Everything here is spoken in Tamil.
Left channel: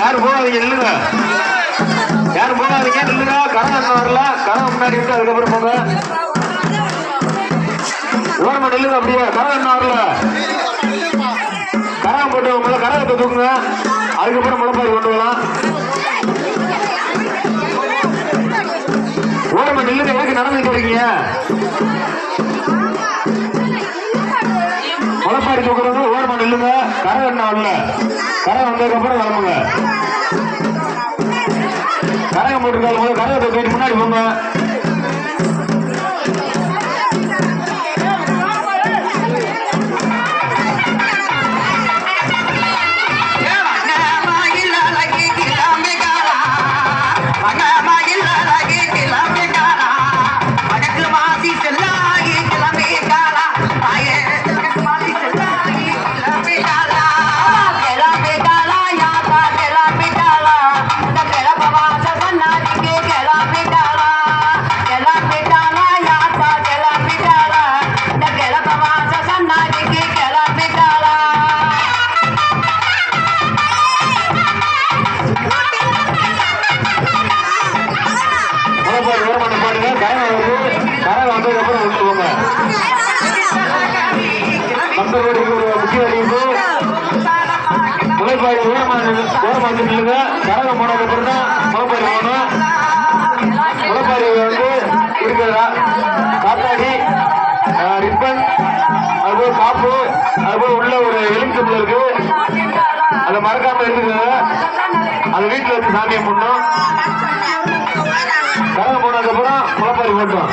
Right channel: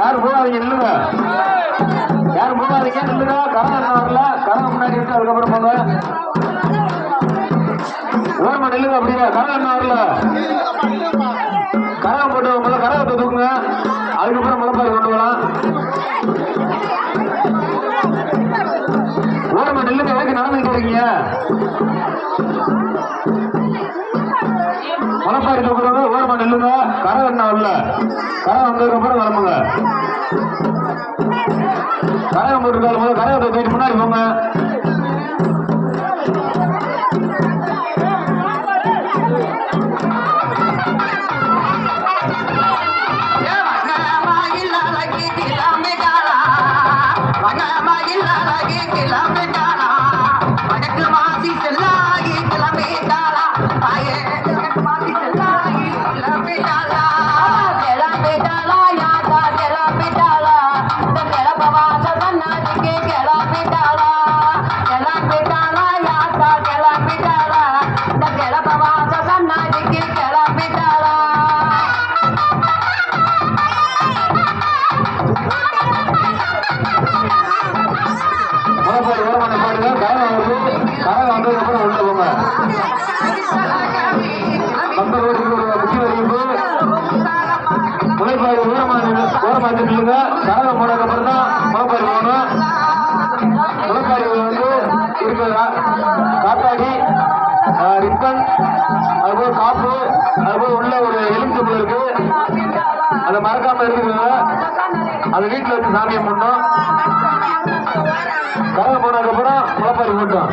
யாரும் போகாதீங்க நில்லுங்க, யாரும் போகாதீங்க நில்லுங்க. கரம் வரல, கரம் முன்னாடி இருக்கு, அதுக்கப்புறம் போங்க. ஓரமா நில்லுங்க, அப்படியே கரம் வரல. கரம் போட்டு முதல்ல கரகத்தை தூக்குங்க, அதுக்கப்புறம் முளைப்பாரி கொண்டு வரலாம். ஓரமா நில்லுங்க, எதுக்கு நடந்துட்டு இருக்கீங்க? முளைப்பாரி தூக்குறவங்க ஓரமா நில்லுங்க. கரம் என்ன வரல, கரம் வந்ததுக்கு அப்புறம் கிளம்புங்க. கரகம் போட்டுருக்காங்க, கரகத்தை போயிட்டு முன்னாடி போங்க. கரகம் வந்ததுக்கப்புறம் உள்ள போங்க. கம்பெனிக்கு ஒரு முக்கிய அறிவிப்பு, முளைப்பாரி ஓரமாக நில்லுங்க. கரகம் போனதுக்கப்புறம் தான் முளைப்பாரி போகணும். முளைப்பாரி வந்து இருக்கிறதா காத்தாடி, ரிப்பன், அதுபோல் காப்பு, அதுபோல் உள்ள ஒரு எலுமிச்சம்பழம் இருக்கு, அதை மறக்காம இருக்குது. அதை வீட்டில் வச்சு சாமியை பண்ணோம். கரகம் போனதுக்கப்புறம் முளைப்பாரி போட்டோம்.